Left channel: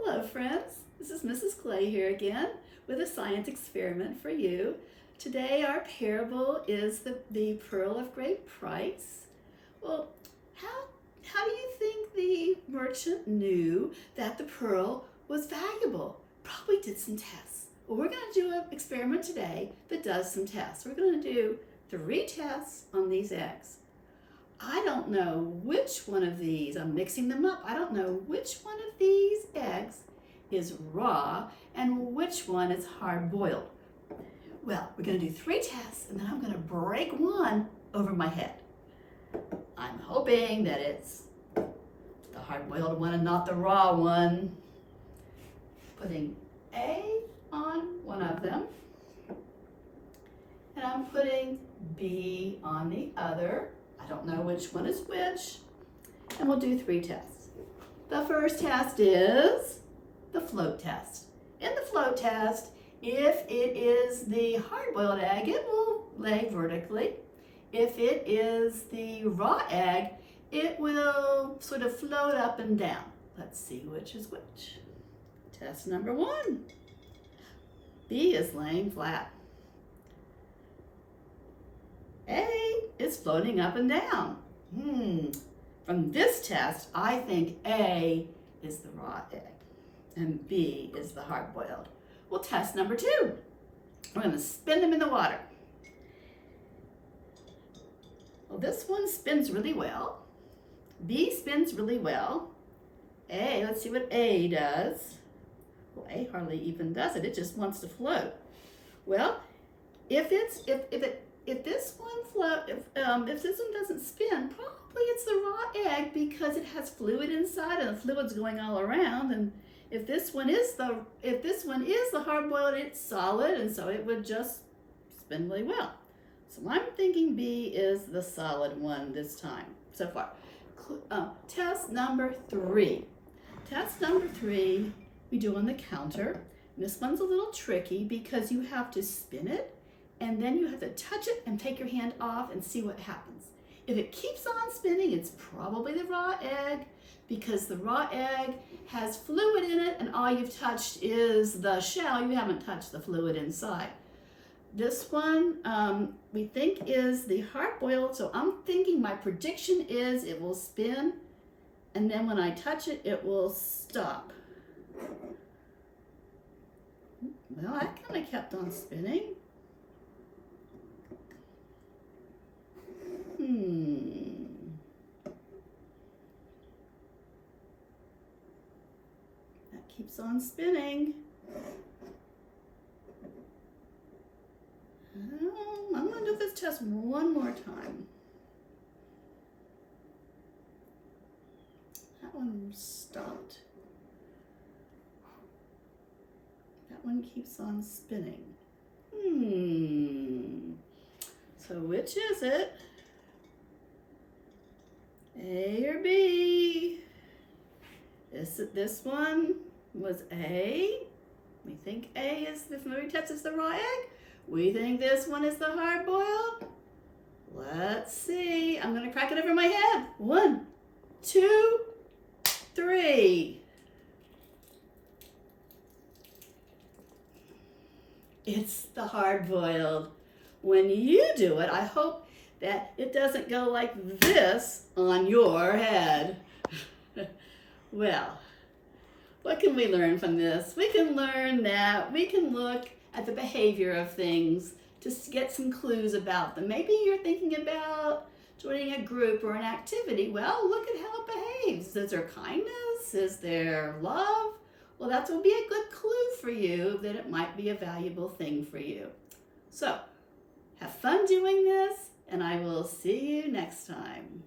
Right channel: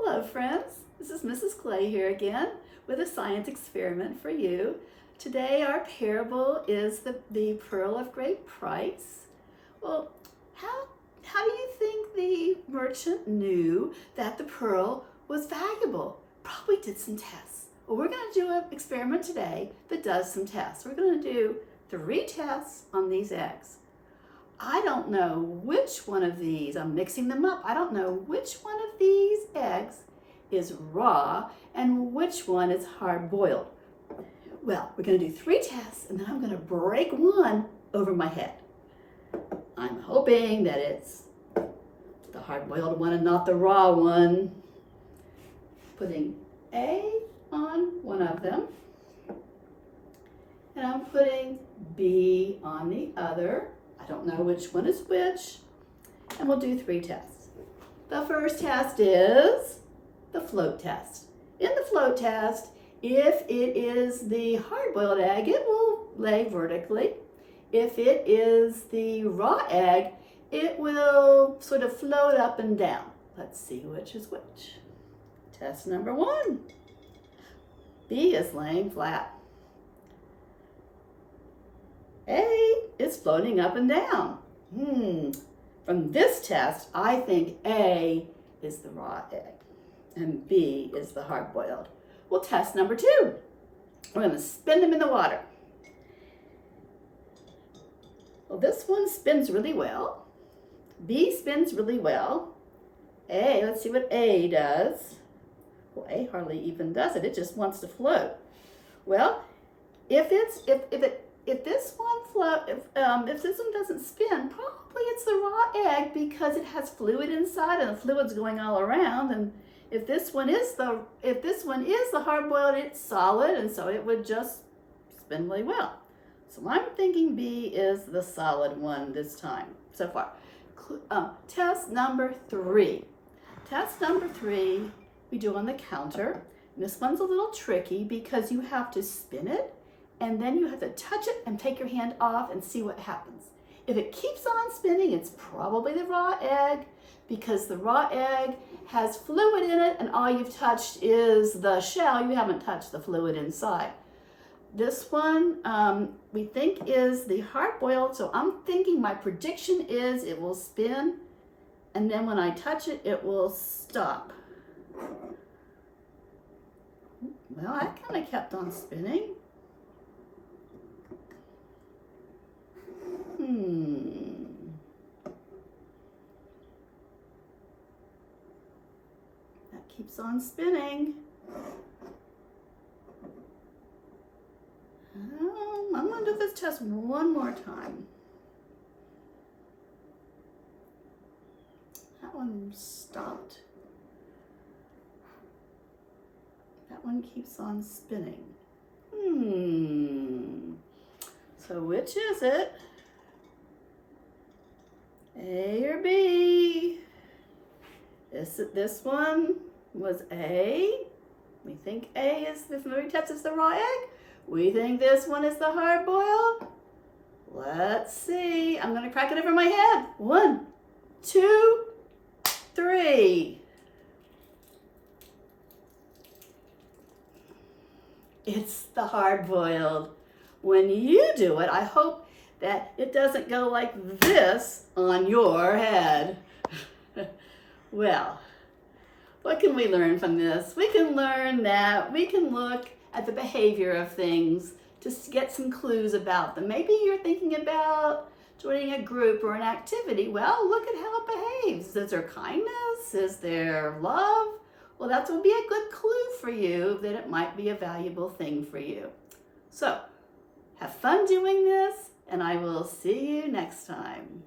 Hello friends, this is Mrs. Clay here again with a science experiment for you. Today our parable is the pearl of great price. Well, how do you think the merchant knew that the pearl was valuable? Probably did some tests. Well, we're going to do an experiment today that does some tests. We're going to do 3 tests on these eggs. I don't know which one of these, I'm mixing them up, I don't know which one of these eggs is raw and which one is hard boiled. Well, we're going to do 3 tests and then I'm going to break one over my head. I'm hoping that it's the hard boiled one and not the raw one. Putting A on one of them and I'm putting B on the other. I don't know which one is which, and we'll do 3 tests. The first test is the float test. In the float test, if it is the hard-boiled egg, it will lay vertically. If it is the raw egg, it will sort of float up and down. Let's see which is which. Test number 1. B is laying flat. A is floating up and down. From this test, I think A is the raw egg and B is the hard-boiled. Well, test number 2. We're going to spin them in the water. Well, this one spins really well. B spins really well. A, let's see what A does. Well, A hardly even does it. It just wants to float. Well, if this one doesn't spin, probably it's the raw egg because it has fluid inside and the fluid's going all around. And if this one is the hard-boiled, it's solid, and so it would just spin really well. So I'm thinking B is the solid one this time so far. Test number 3. Test number 3 we do on the counter. And this one's a little tricky because you have to spin it and then you have to touch it and take your hand off and see what happens. If it keeps on spinning, it's probably the raw egg because the raw egg has fluid in it and all you've touched is the shell. You haven't touched the fluid inside. This one we think is the hard-boiled, so I'm thinking my prediction is it will spin and then when I touch it, it will stop. Well, I kind of kept on spinning. That keeps on spinning. I'm going to do this test one more time. That one stopped. That one keeps on spinning. So which is it? A or B? This one was A. We think A is the fluid test is the raw egg. We think this one is the hard-boiled. Let's see. I'm going to crack it over my head. 1, 2, 3. It's the hard-boiled. When you do it, I hope that it doesn't go like this on your head. Well, what can we learn from this? We can learn that we can look at the behavior of things to get some clues about them. Maybe you're thinking about joining a group or an activity. Well, look at how it behaves. Is there kindness? Is there love? Well, that would be a good clue for you that it might be a valuable thing for you. So, have fun doing this, and I will see you next time.